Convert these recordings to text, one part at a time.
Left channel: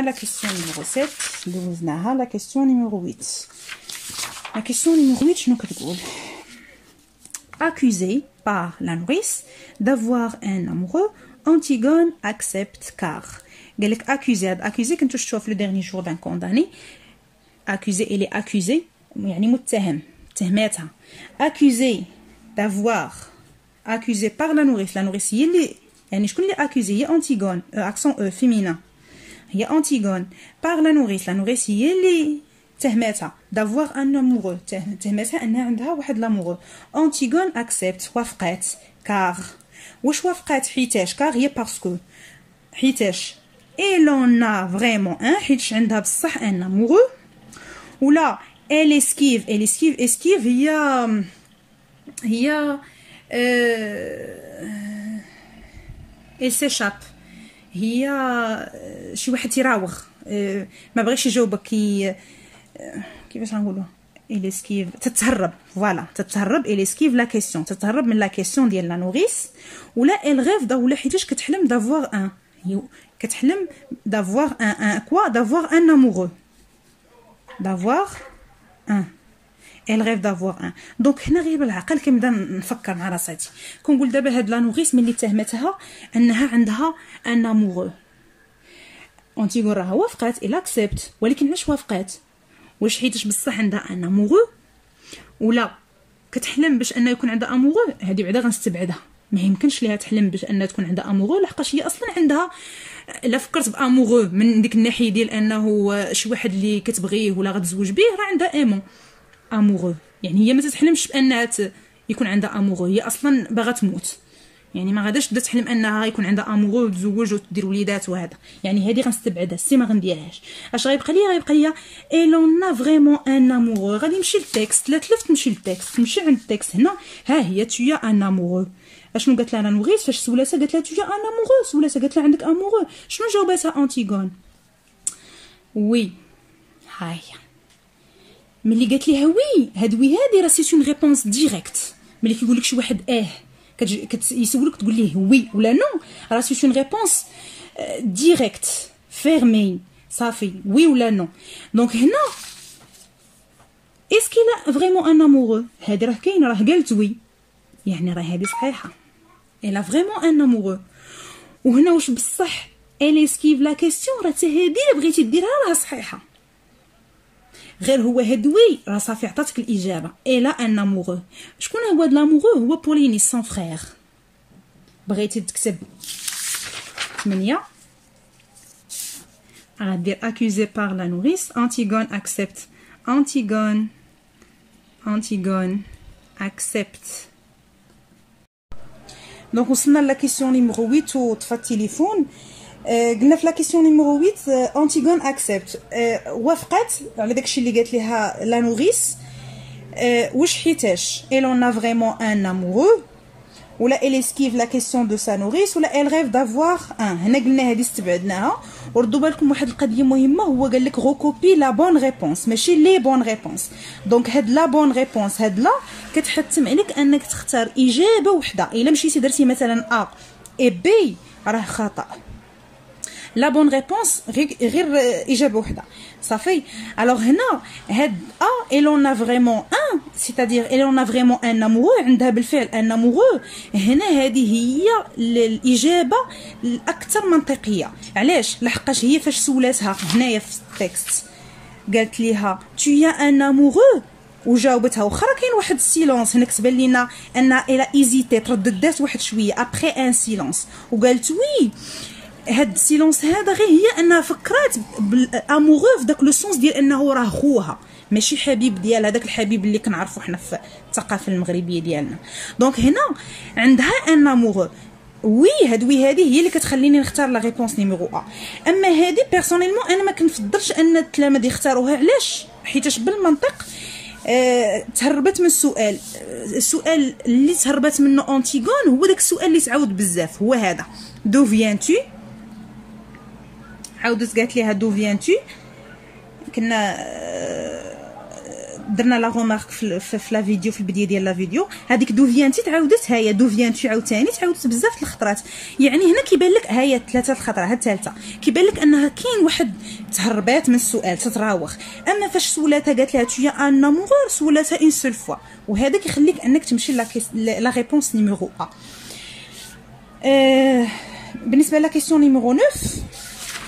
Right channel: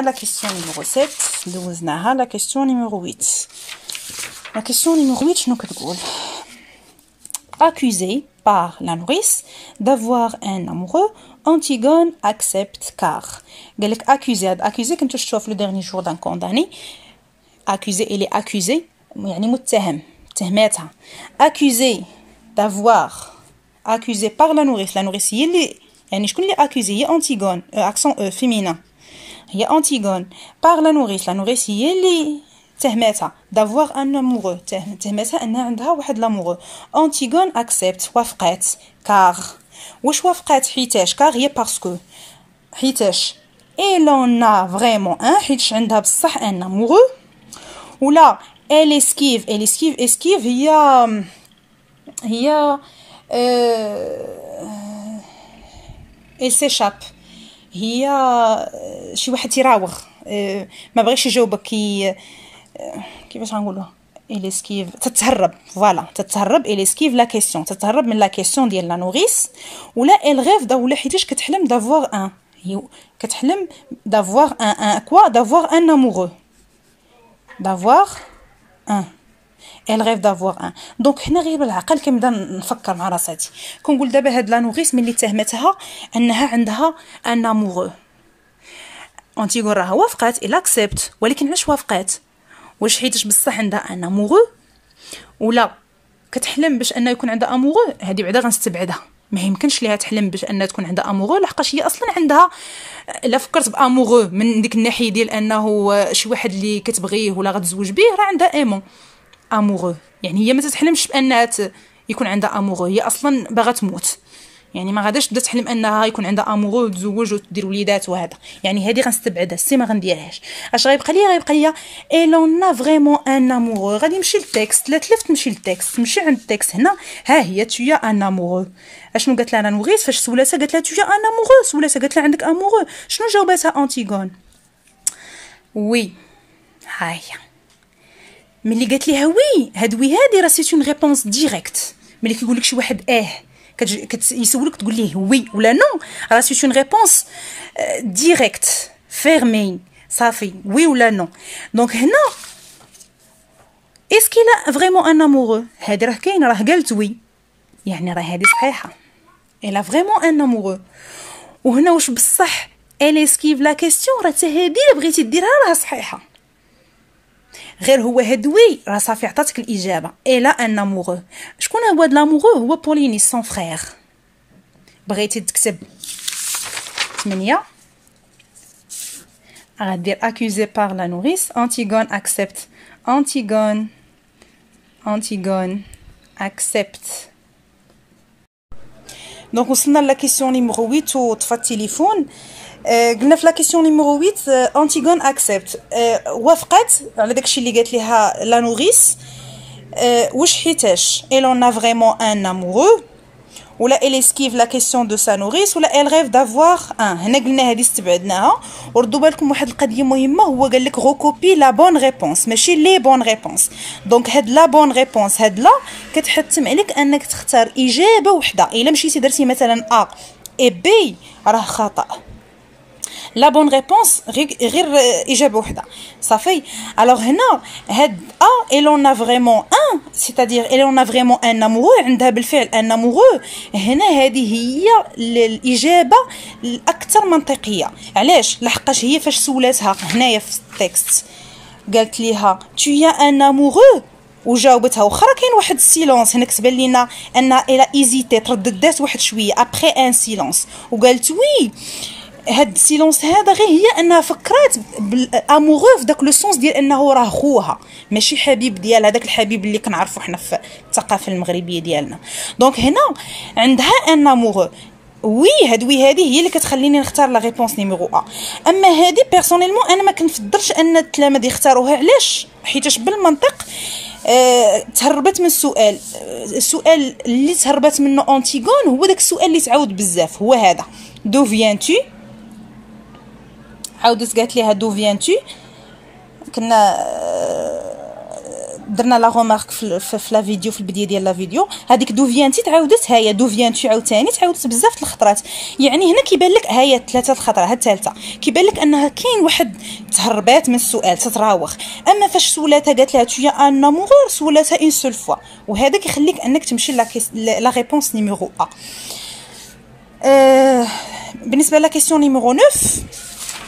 درنا لا كيسيون نيميرو 7 دوزناها. لا كيسيون نيميرو 8. لا كيسيون نيميرو 8 شنو كتقول؟ accusé par la nourrice d'avoir un amoureux, Antigone accepte car. قال لك accusé كنتو شفتوها في لو ديرني جور دان كونداني. accusé il est accusé يعني متهم تهماتها. accusé d'avoir accusé par la nourrice هي اللي يعني شكون اللي accusé؟ هي Antigone accent féminin هي Antigone par la nourrice هي اللي تهماتها d'avoir un amoureux تهماتها انها عندها واحد لاموغو. Antigone accepte وافقات car. واش وافقات؟ حيتاش كار هي باسكو حيتاش elle en a vraiment un حيتاش عندها بصح ان amoureux. ولا elle esquive هي elle s'échappe هي شي واحد تيراوغ ما بغيش يجاوبك كيفاش غنقولوها elle esquive تتهرب فوالا تتهرب elle esquive la question تتهرب من لا كيسيون ديال لا نوريس. ولا elle rêve ولا حيتاش كتحلم d'avoir un هي كتحلم d'avoir un quoi d'avoir un amoureux d'avoir un elle rêve d'avoir un. دونك هنا غير بالعقل كنبدا نفكر مع راساتي كنقول دابا هاد لا نوريس ملي تهمتها انها عندها ان اموغو. انتيغون راها وافقات il accepte ولكن علاش وافقات؟ واش حيتاش بصح عندها ان اموغو ولا كتحلم باش انه يكون عندها اموغو؟ هذه بعدا غنستبعدها ما يمكنش ليها تحلم باش انها تكون عندها اموغو لحقاش هي اصلا عندها الا فكرت باموغو من ديك الناحيه ديال انه شي واحد اللي كتبغيه ولا غتزوج به راه عندها ايمون اموغو يعني هي ما تتحلمش بانها يكون عندها اموغو هي اصلا باغا تموت يعني ما غاداش تبدا تحلم انها يكون عندها اموغو وتزوج وتدير وليدات وهذا يعني هذه غنستبعدها السي ما غنديرهاش. اش غيبقى ليا اي لون فريمون ان اموغو. غادي نمشي للتكست لا تلفت نمشي للتكست نمشي عند التكست هنا ها هي تويا ان اموغو. اشنو قالت لها نوريس فاش سولاتها؟ قالت لها تويا ان اموغو سولاتها قالت لها عندك اموغو شنو جاوباتها انتيغون؟ وي ها هي ملي قالت ليها وي هادي راه سي اون ريبونس ديريكت. ملي كيقول لك شي واحد يسولك تقول ليه وي ولا نو راه سي اون ريبونس ديريكت فيرمي صافي وي ولا نو. دونك هنا اسكي لا فريمون ان امورو هادي راه كاين راه قالت وي يعني راه هادي صحيحه الا فريمون ان امورو. وهنا واش بصح ال اسكيف لا كيسيون راه حتى هادي اللي بغيتي ديرها راه صحيحه غير هو هادوي راه صافي عطاتك الاجابه الا ان امورو. شكون هو هاد لامورو؟ هو بوليني سون فرير. بغيتي تكتب 8 غادير accusé par la nourrice Antigone accepte Antigone accepte. دونك وصلنا لا كيسيون نيميرو 8 وطفى التليفون. قلنا في لا كيسيون نيميرو 8 انتيغون اكسبت وافقت على داكشي اللي قالت ليها لا نوريس. واش حيتاش elle en a vraiment un amoureux ولا elle esquive la question de sa nourrice ولا elle rêve d'avoir un. هنا قلنا هذه استبعدناها. وردوا بالكم واحد القضيه مهمه هو قال لك غوكوبي لا بون ريبونس ماشي لي بون ريبونس. دونك هاد لا بون ريبونس هاد لا كتحتم عليك انك تختار اجابه وحده. الا مشيتي درتي مثلا ا اي بي راه خطا. لا بون ريبونس غير اجابه وحده صافي. الوغ هنا هاد ا اي لون ا فريمون ان سيتادير اي لون ا فريمون ان امورو عندها بالفعل ان امورو. هنا هذه هي الاجابه الاكثر منطقيه. علاش؟ لحقاش هي فاش سولاتها هنايا في التكست قالت ليها تويا ان امورو وجاوبتها واخا كاين واحد السيلونس هنا كتبان لينا ان الى ايزيتي ترددات واحد شويه ابخي ان سيلونس وقالت وي. هاد السيلونس هذا غير هي انها فكرات بالاموغو في داك لو سونس ديال انه راه خوها ماشي حبيب ديالها داك الحبيب اللي كنعرفو حنا في الثقافه المغربيه ديالنا. دونك هنا عندها ان اموغو وي هذه هي اللي كتخليني نختار لا ريبونس نيميرو ا. اما هذه بيرسونيلمون انا ما كنفضلش ان التلاميذ يختاروها. علاش؟ حيتاش بالمنطق تهربت من السؤال اللي تهربت منه انتيغون هو داك السؤال اللي تعاود بزاف هو هذا دو فيان تو. عاودت قالت ليها دو فيان تو كنا درنا لا رومارك في لا فيديو، في البدايه ديال لا فيديو، هذيك دو فيانتي تعاودت، هي دو فيانتو عاوتاني تعاودت بزاف د الخطرات. يعني هنا كيبان لك هي ثلاثه الخطره، ها الثالثه كيبان لك انها كاين واحد تهربات من السؤال، تتراوغ. اما فاش سولاتها قالت لها تو ان امور، سولاتها اون سول فوا، وهذا كيخليك انك تمشي لا ريبونس نيميرو ا. بالنسبه لا كيسيون نيميرو 9،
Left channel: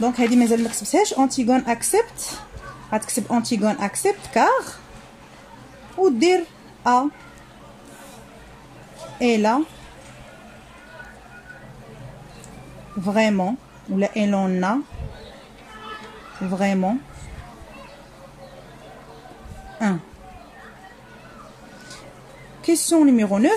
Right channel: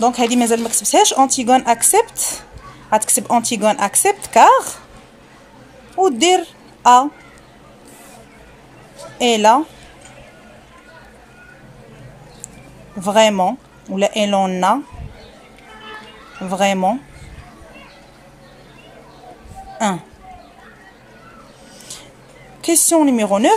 دونك هذه مازال ما كتبتهاش. انتيغون اكسبت، غتكتب انتيغون اكسبت كار ودير ا الا فريمون ولا الونا فريمون ان. كيسيون نيميرو 9،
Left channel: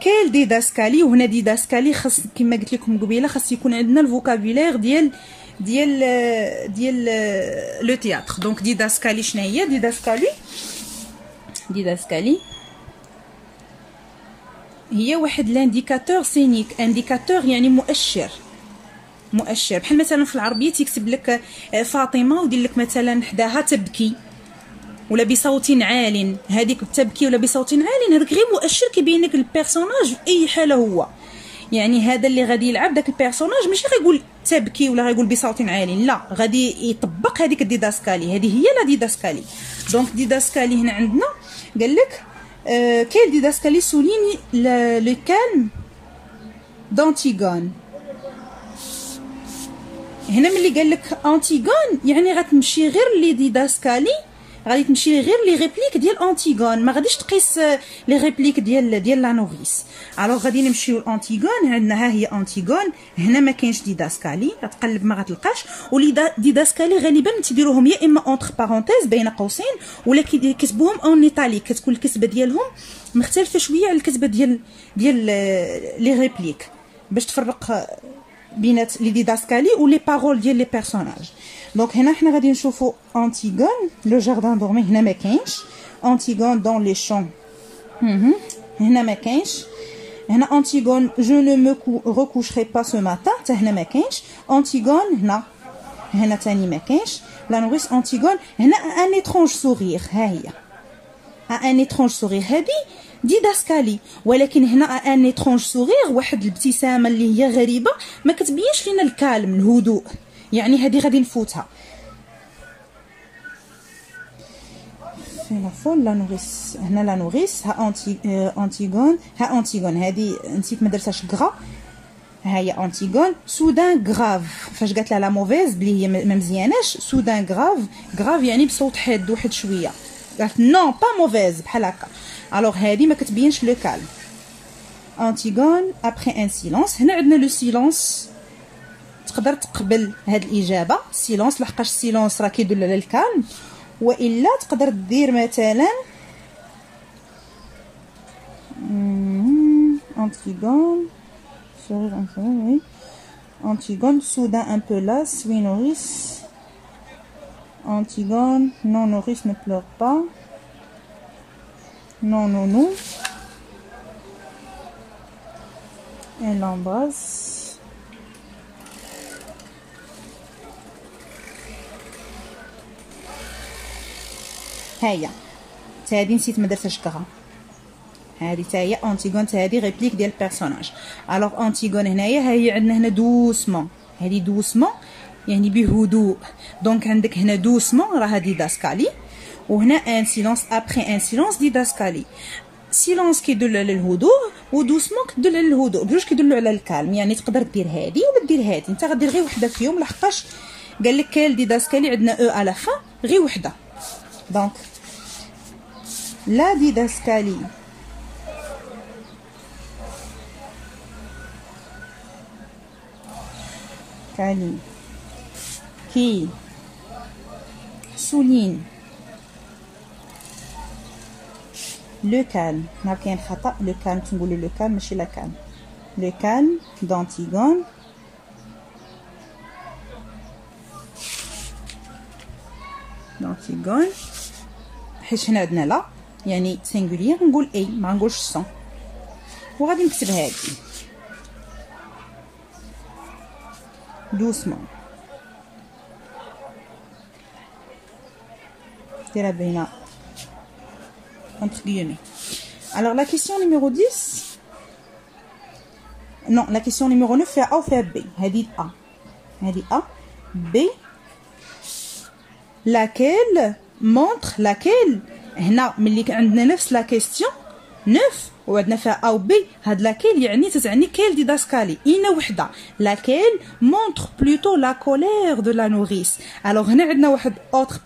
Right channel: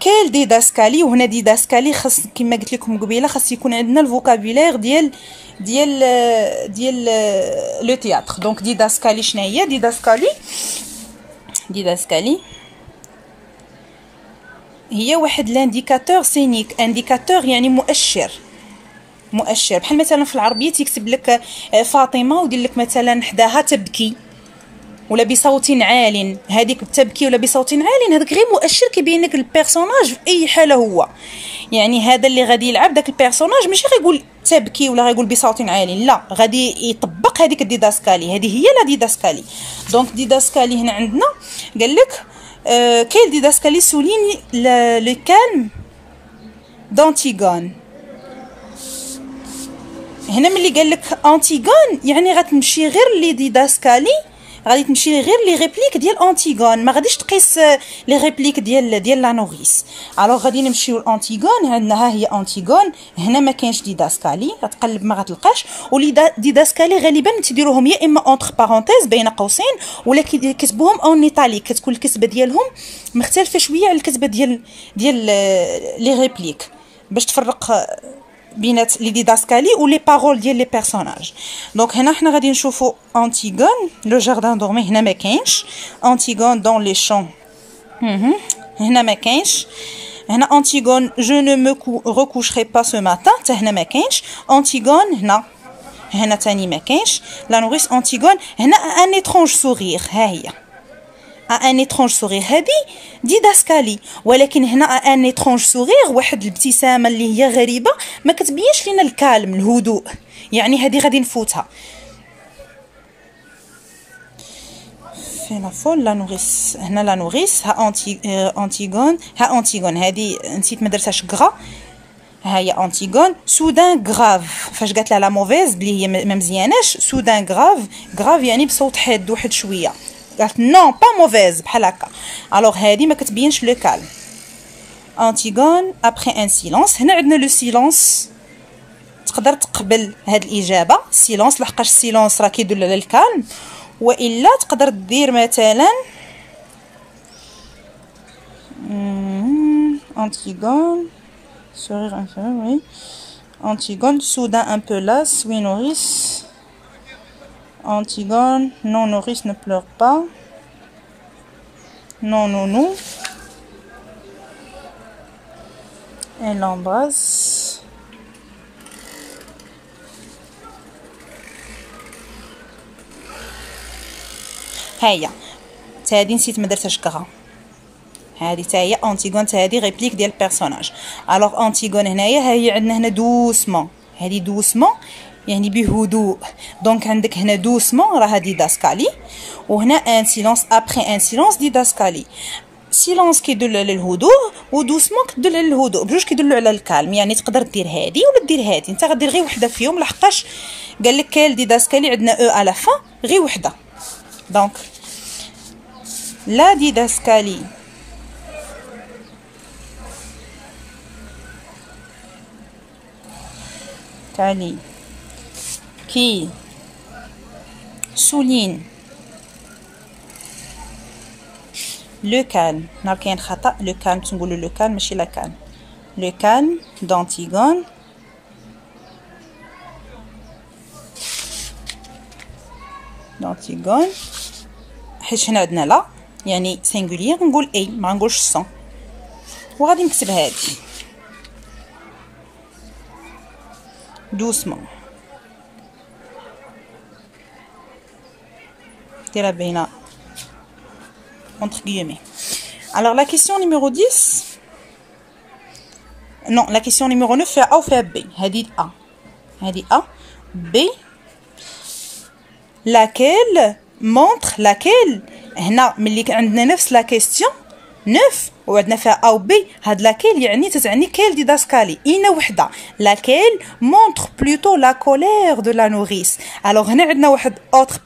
كيل ديداسكالي. وهنا ديداسكالي خاص كما قلت لكم قبيله خاص يكون عندنا الفوكابولير ديال لو تياتر. دونك ديداسكالي شنو هي؟ ديداسكالي هي واحد لانديكاتور سينيك. انديكاتور يعني مؤشر بحال مثلا في العربيه تيكتب لك فاطمه ودير لك مثلا حداها تبكي ولا بصوت عال، هذيك تبكي ولا بصوت عال، هذاك غير مؤشر كيبين لك البيرسوناج في اي حاله هو. يعني هذا اللي غادي يلعب داك البيرسوناج ماشي غيقول تبكي ولا غيقول بصوت عال، لا، غادي يطبق هذيك الديداسكالي. هذه هي لا ديداسكالي. دونك ديداسكالي هنا عندنا قال لك كاين ديداسكالي سولين لو كالم دانتيغون. هنا ملي قال لك انتيغون يعني غتمشي غير لي ديداسكالي، غادي تمشي غير لي ريبليك ديال انتيغون، ما غاديش تقيس لي ريبليك ديال لا نوريس. الوغ غادي نمشيو لانتيغون. عندنا ها هي انتيغون، هنا ما كاينش ديداسكالي، غتقلب ما غتلقاش. ولي ديداسكالي غالبا تيديروهم يا اما اونتر بارونتيز بين قوسين، ولا كيكتبوهم اون ايطاليك، كتكون الكتبه ديالهم مختلفه شويه على الكتبه ديال لي ريبليك، باش تفرق بينات لي ديداسكالي و لي بارول ديال لي بيرسوناج. دونك هنا حنا غادي نشوفوا انتيغون لو جاردان دورمي، هنا ما كاينش. انتيغون دون لي شون، هنا ما كاينش. هنا انتيغون جو نو مو ريكوشري با سو ماتان، حتى هنا ما كاينش. انتيغون هنا تاني ما كاينش. لا نوريس انتيغون هنا ان étrange سورير، ها هي ان étrange سورير، هذه ديداسكالي. ولكن هنا ان étrange سورير واحد الابتسامه اللي هي غريبه، ما كتبينش لينا الكالم الهدوء، يعني هذه غادي نفوتها. فين فول لا نوريس؟ هنا لا نوريس، ها انتيغون، ها انتيغون هذه نسيت ما درتهاش غرا، ها هي انتيغون. سودان غراف، فاش قالت لها لا موفيز بلي هي ما مزياناش، سودان غراف يعني بصوت حاد واحد شويه، قالت نو با موفيز بحال هكا. الوغ هذه ما كتبينش لو كالم. انتيغون ابري ان سيلونس، هنا عندنا لو سيلونس، تقدر تقبل هاد الاجابه سيلونس لحقاش السيلونس راه كيدل على الكالم، والا تقدر دير مثلا انتيغون sourire inférieur, oui. Antigone, soudain un peu lasse, oui Nourrice. Antigone, non Nourrice ne pleure pas. Non Nounou. Elle l'embrasse. هيا هادي نسيت ما درتهاش كغا، هذه حتى هي انتيغون، حتى هذه ريبليك ديال البيرسوناج. الوغ انتيغون هنايا ها هي عندنا هنا دوسمون، هذه دوسمون يعني بهدوء. دونك عندك هنا دوسمون راها ديداسكالي، وهنا ان سيلونس ابري ان سيلونس ديداسكالي. سيلونس كيدل على الهدوء ودوسمون كتدل على الهدوء، بجوج كيدلوا على الكالم. يعني تقدر دير هذه ولا دير هذه، انت غدير غير وحده فيهم لحقاش قال لك كاين ديداسكالي عندنا او على فا غير وحده. دونك لا ديداسكالي كالي كي souligne le calme. هنا كاين خطأ، لو كالم تنقولوا لو كالم ماشي لا كالم. لو كالم d'Antigone حيت هنا عندنا لا يعني سينغولير، نقول اي ما نقولش سون. وغادي نكتب هذه doucement. ديرها بين entre guillemets. Alors la question numéro 10. Non, la question numéro 9 fait A ou fait B. هذه A. هذه A. B. Laquelle montre laquelle هنا ملي عندنا نفس لا كيستيون 9 وعندنا فيها A و B هاد لاكيل يعني تتعني كيل ديداسكالي اين وحده لاكيل مونطر بلوتو لا كولير دو لا نوريس. الوغ هنا عندنا واحد اوتر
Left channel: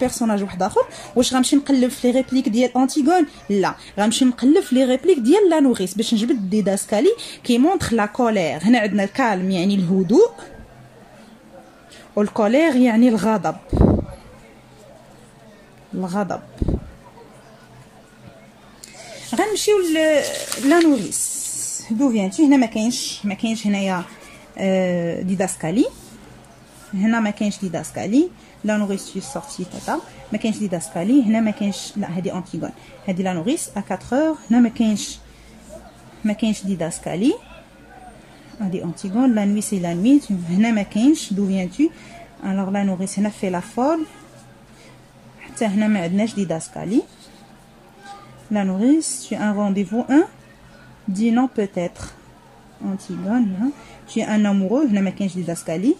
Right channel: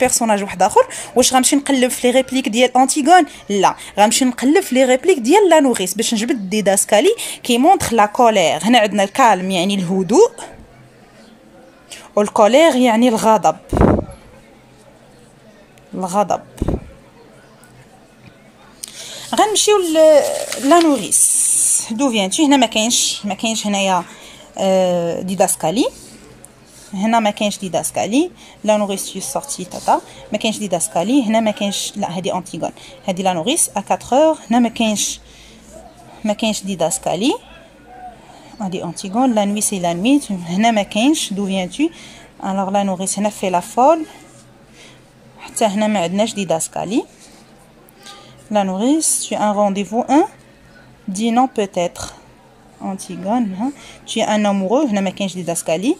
بيرسوناج واحد اخر. واش غنمشي نقلب في لي ريبليك ديال انتيغون؟ لا، غنمشي نقلب في لي ريبليك ديال لا نوريس باش نجبد ديداسكالي كي مونطر لا كولير. هنا عندنا الكالم يعني الهدوء والكولير يعني الغضب. غنمشيو لا نوريس. دو فيانتي؟ هنا ما كاينش هنايا ديداسكالي. هنا ما كاينش ديداسكالي. لا نوريس في سورتي تاتا ما كاينش ديداسكالي. هنا ما كاينش، لا هذه انتيغون، هذه لا نوريس ا 4 هنا ما كاينش ديداسكالي. هذه انتيغون. لا نوي سي لا نوي. هنا ما كاينش دو فيانتي. الوغ لا نوريس هنا في لا فول. حتى هنا ما عندناش ديداسكالي. La nourrice, tu as un rendez-vous 1 dis non peut-être. Antigone, hein? Tu es un amoureux, هنا ما كاينش ديداسكالي.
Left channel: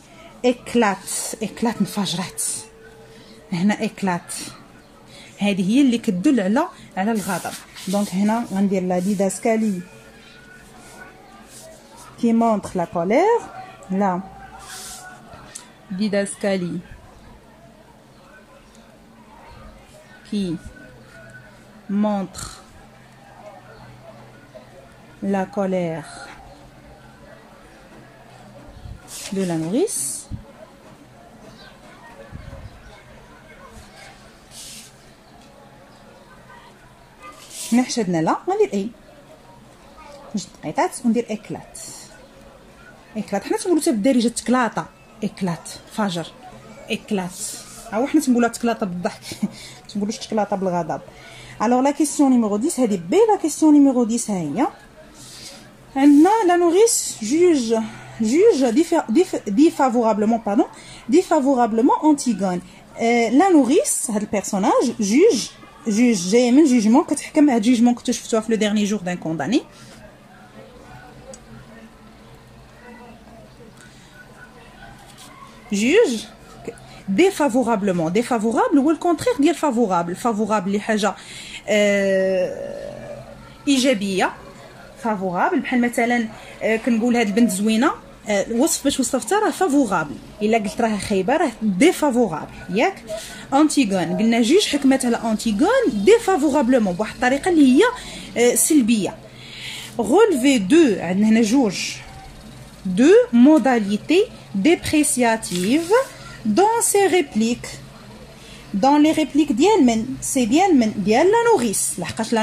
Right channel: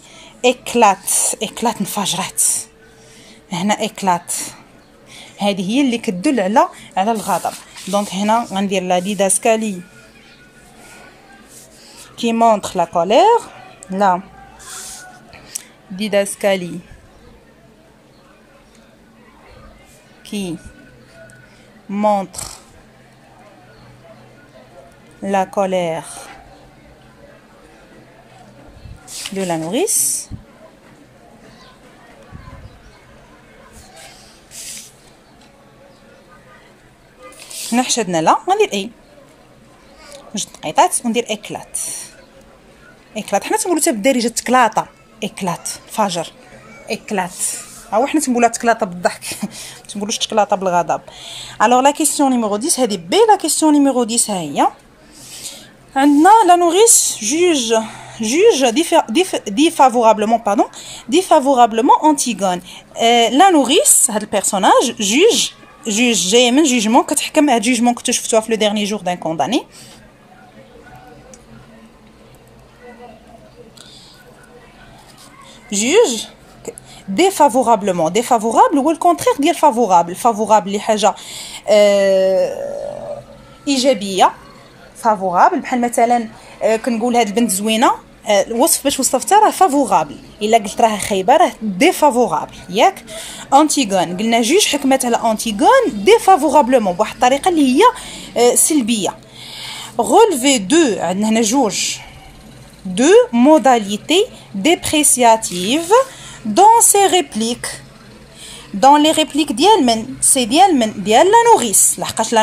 éclate انفجرت. هنا éclate هذه هي اللي كتدل على الغضب. دونك هنا غندير لا ديداسكالي qui montre la colère. La didascalie qui montre la colère de la nourrice. هنا حشدنا لا غندير اي جوج دقيقات وندير اكلات. حنا تنقولوا حتى بالدارجه تكلاطه اكلات فجر اكلات. ها حنا تنقولها تكلاطه بالضحك ما تنقولوش تكلاطه بالغضب. الوغ لا كيسيون نيميرو 10 هذه بي. لا كيسيون نيميرو 10 ها هي. عندنا لا نوريس juge défavorablement Antigone. لا نوريس هذا البيرسوناج juge جاي من جوجمون، كتحكم. هاد جوجمون كنتو شفتوها في لو ديرني جور دان كونداني. juge défavorable هو الكونترير ديال فافورابل اللي حاجه ايجابيه. فافورابل بحال مثلا كنقول هاد البنت زوينه، الوصف باش وصفتها راه فافورابل. الا قلت راه خايبه راه ديفافورابل، ياك؟ انتيغون قلنا جوج حكمت على انتيغون ديفافورابلمون بواحد الطريقه اللي هي سلبيه. رولفي دو عندنا هنا جوج دو موداليتي ديبريسياتيف dans ces répliques. dans les répliques ديال من سي ديال لا نوريس، لحقاش لا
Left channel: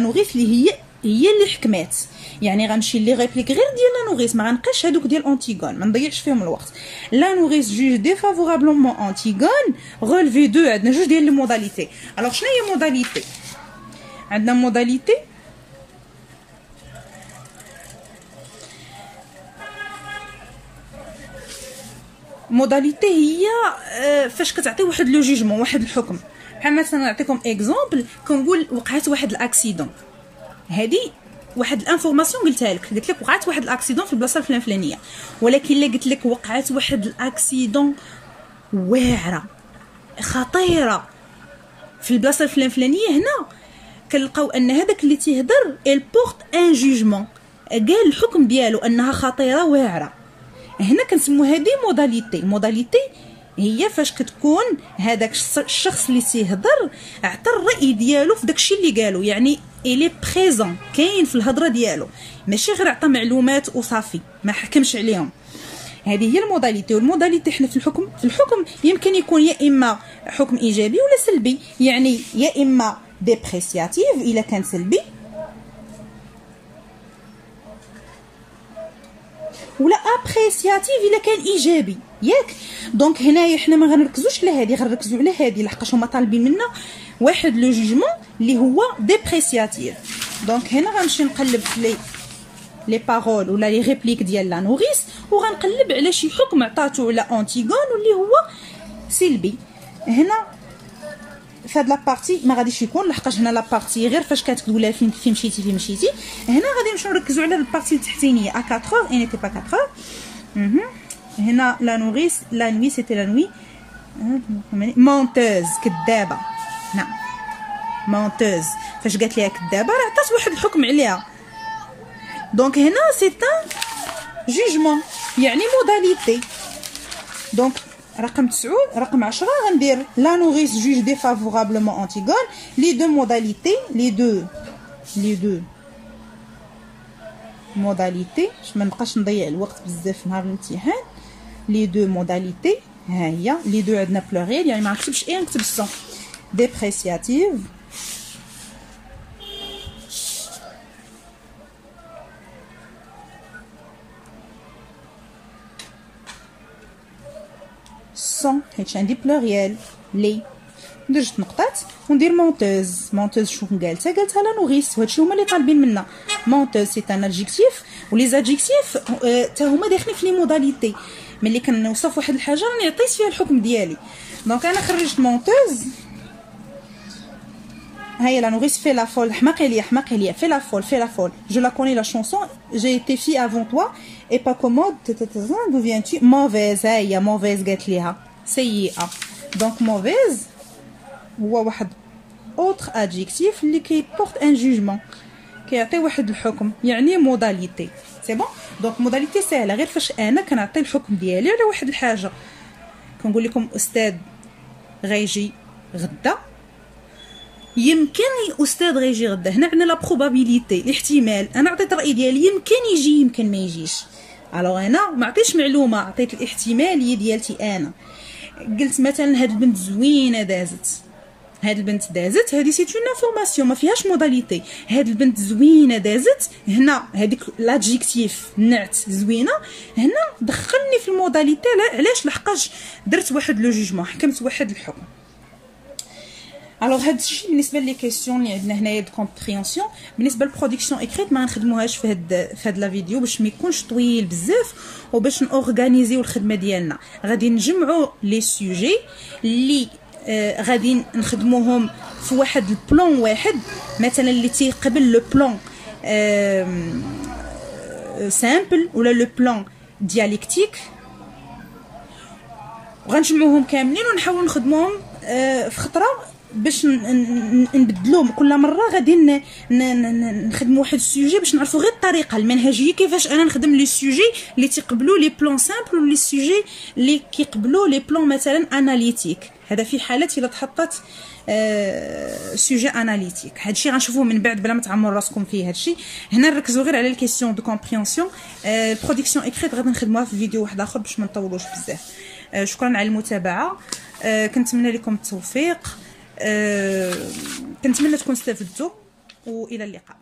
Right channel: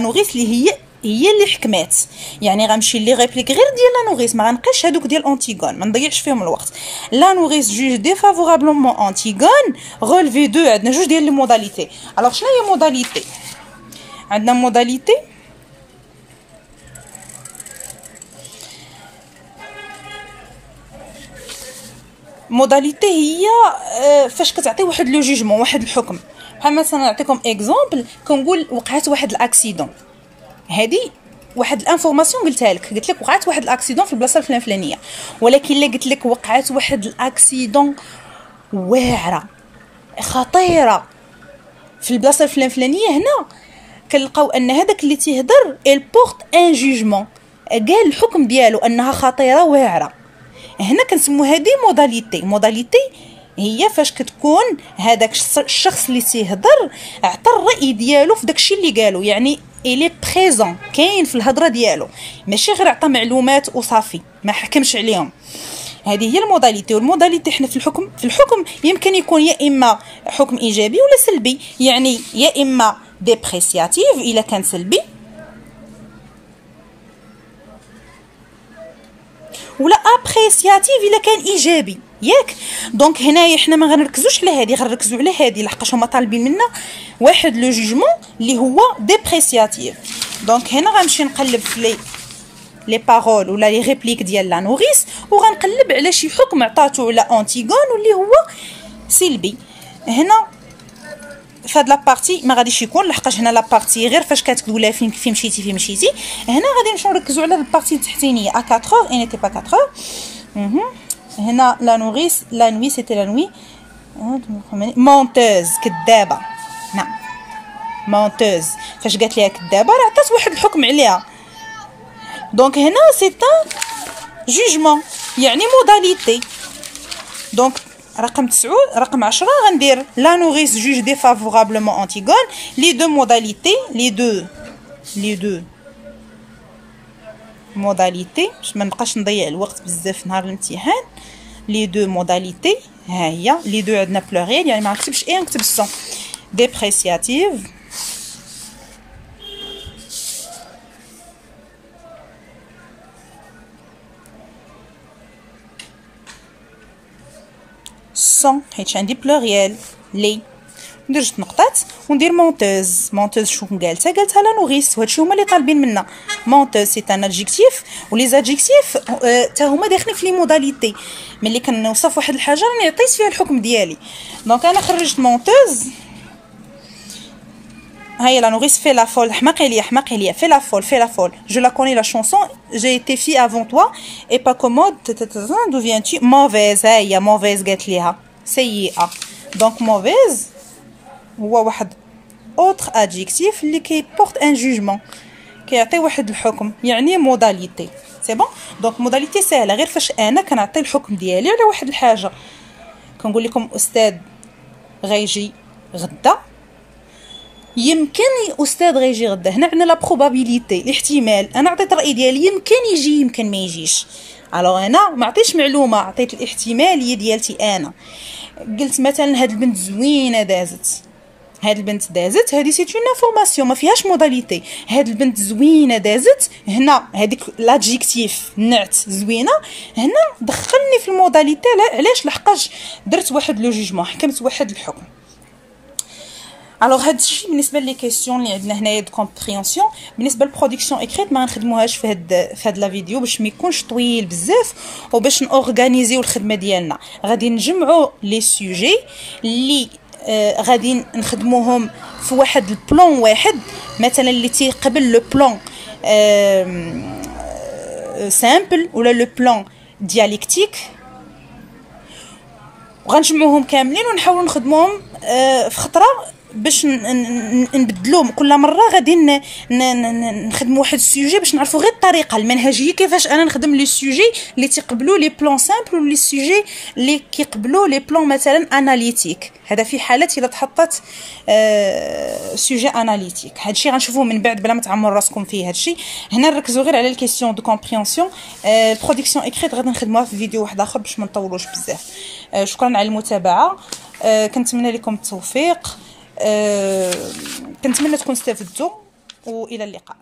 نوريس اللي هي اللي حكمات. يعني غنمشي لي ريبليك غير ديال لا نوريس، ما غنبقاش هذوك ديال انتيغون، ما نضيعش فيهم الوقت. لا نوريس جوج ديفافورابلمون انتيغون. رولفي دو عندنا جوج ديال لي موداليتي. الوغ شنو هي موداليتي؟ عندنا موداليتي هي فاش كتعطي واحد لو جوجمون، واحد الحكم. بحال مثلا نعطيكم اكزومبل، كنقول وقعت واحد الاكسيدون. هذه واحد الانفورماسيون قلتها لك، قلت لك وقعت واحد الاكسيدون في البلاصه الفلانيه، ولكن الا قلت لك وقعت واحد الاكسيدون واعره خطيره في البلاصه الفلانيه، هنا كنلقاو ان هذاك اللي تيهضر البورت ان جوجمون، قال الحكم ديالو انها خطيره واعره. هنا كنسمو هذه موداليتي هي فاش كتكون هذاك الشخص اللي تيهضر عطى الراي ديالو في داكشي اللي قالو، يعني الي بريزون، كاين في الهضره ديالو، ماشي غير عطى معلومات وصافي ما حكمش عليهم. هذه هي الموداليتي. والموداليتي حنا في الحكم يمكن يكون يا اما حكم ايجابي ولا سلبي، يعني يا اما ديبريسياتيف الا كان سلبي، ولا ابريسياتيف الا كان ايجابي، ياك؟ دونك هنايا حنا ما غنركزوش على هذه، غنركزوا على هذه لحقاش هما طالبين منا واحد لو جوجمون اللي هو ديبريسياتيف. دونك هنا غنمشي نقلب في لي بارول ولا لي ريبليك ديال لا نوريس، وغنقلب على شي حكم عطاتو على انتيغون واللي هو سلبي. هنا في هاد لابارتي ما غاديش يكون، لحقاش هنا لابارتي غير فاش كتقولوا لها فين مشيتي. هنا غادي نمشيو نركزوا على البارتي التحتانيه. ا 4 اي نيتي با 4. هنا لا نوريس لا نوي سيتي لا نوي. مونتوز كدابه. نعم مونتوز فاش قالت ليها كدابه راه عطات واحد الحكم عليها. دونك هنا سي ان جوجمون يعني موداليتي. دونك رقم 9 رقم 10 غندير لا نوريس جوج ديفافورابلمون انتيغون لي دو موداليتي لي دو موداليتي باش ما نبقاش نضيع الوقت بزاف نهار الامتحان. لي دو موداليتي ها هي لي دو عندنا بلوريال يعني ما نكتبش اي نكتب سون ديبريسياتيف. سون حيت عندي بلوريال لي ندير جوج نقطات وندير مونتوز. مونتوز شنو قالتها لا نوريس وهادشي هما اللي طالبين منا. مونتوز سي ان ادجيكتيف ولي زادجيكتيف حتى هما داخلين في لي موداليتي. ملي كنوصف واحد الحاجه راني عطيت فيها الحكم ديالي. دونك انا خرجت مونتوز. هاي لا نوريس في لا فول. حماقي ليا في لا فول جو لا كوني لا شونسون جي ايتي في افون توا اي با كومود دو فيان تي موفيز. هاي موفيز قالت ليها سيئه. دونك موفيز هو واحد اوتر ادجيكتيف اللي كيبورت ان جوجمون كيعطي واحد الحكم يعني موداليتي. سي بون. دونك موداليتي سهله غير فاش انا كنعطي الحكم ديالي على واحد الحاجه. كنقول لكم استاذ غيجي غدا. يمكن الاستاذ غيجي غدا. هنا عندنا لا بروبابيليتي الاحتمال. انا عطيت الراي ديالي يمكن يجي يمكن ما يجيش. الوغ انا ما عطيتش معلومه عطيت الاحتماليه ديالتي. انا قلت مثلا هاد البنت زوينه دازت. هاد البنت دازت هادي سي اون انفورماسيون ما فيهاش موداليتي. هاد البنت زوينه دازت هنا هذيك لادجيكتيف نعت زوينه هنا دخلني في الموداليتي. علاش؟ لحقاش درت واحد لو جوجمون حكمت واحد الحكم. الوغ هاد الشيء بالنسبه لي كيسيون اللي عندنا هنايا دو كومبريونسيون. بالنسبه للبرودكسيون اكريت ما غنخدموهاش في هاد لا فيديو باش ما يكونش طويل بزاف وباش نورغانيزيو الخدمه ديالنا. غادي نجمعوا لي سوجي اللي غادي نخدموهم في واحد البلان واحد مثلا اللي تيقبل لو بلان سامبل ولا لو بلان دياليكتيك. وغنجمعوهم كاملين ونحاولوا نخدموهم في خطره باش نبدلوهم. كل مره غادي نخدموا واحد السوجي باش نعرفوا غير الطريقه المنهجيه كيفاش انا نخدم لي سوجي اللي تيقبلوا لي بلان سامبل ولي سوجي اللي كيقبلوا لي بلان مثلا اناليتيك. هذا في حاله الا تحطت سوجي اناليتيك. هادشي غنشوفوه من بعد بلا ما تعمروا راسكم فيه. هادشي هنا نركزوا غير على الكيسيون دو كومبريونسيون. البرودكسيون اكريت غادي نخدموها في فيديو واحد اخر باش ما نطولوش بزاف. شكرا على المتابعه. كنتمنى لكم التوفيق. كنتمنى تكونوا استفدتوا والى اللقاء.